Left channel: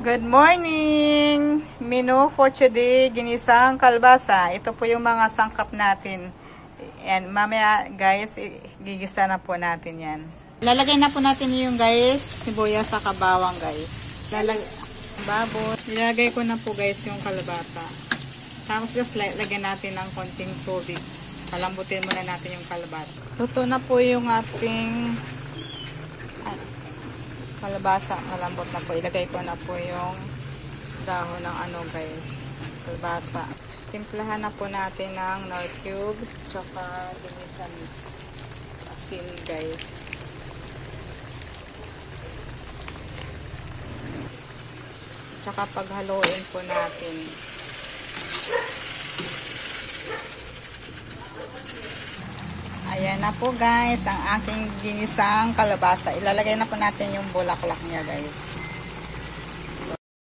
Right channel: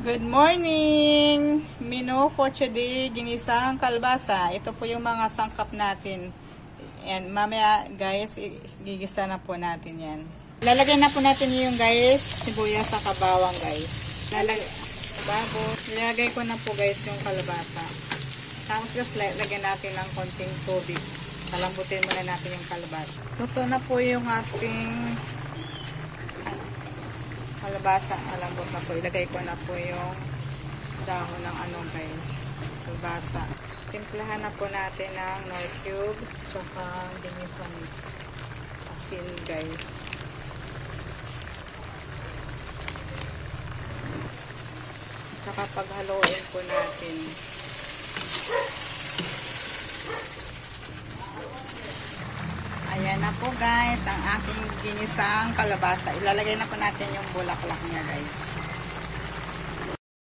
Good morning! Menu for today, ginisang kalbasa. Ito po yung mga sangkap natin. And mamaya guys, gigisa na po natin yan. Lalagay na po natin yung guys, sibuyas sa kabawang guys. Lalagay ko na po guys yung kalbasa. Tapos guys, lagyan natin ng konting tubig. Palambutin muna natin yung kalbasa. Luto na po yung ating kalabasa, malambot na po. Ilagay ko na po yung dahon ng guys, kalabasa. Timplahan na po natin ng nor cube, tsaka ginisa mix. Asin guys. Tsaka paghaluin po natin. Ayan na po guys, ang ating ginisang kalabasa. Ilalagay na po natin yung bulaklak niya guys.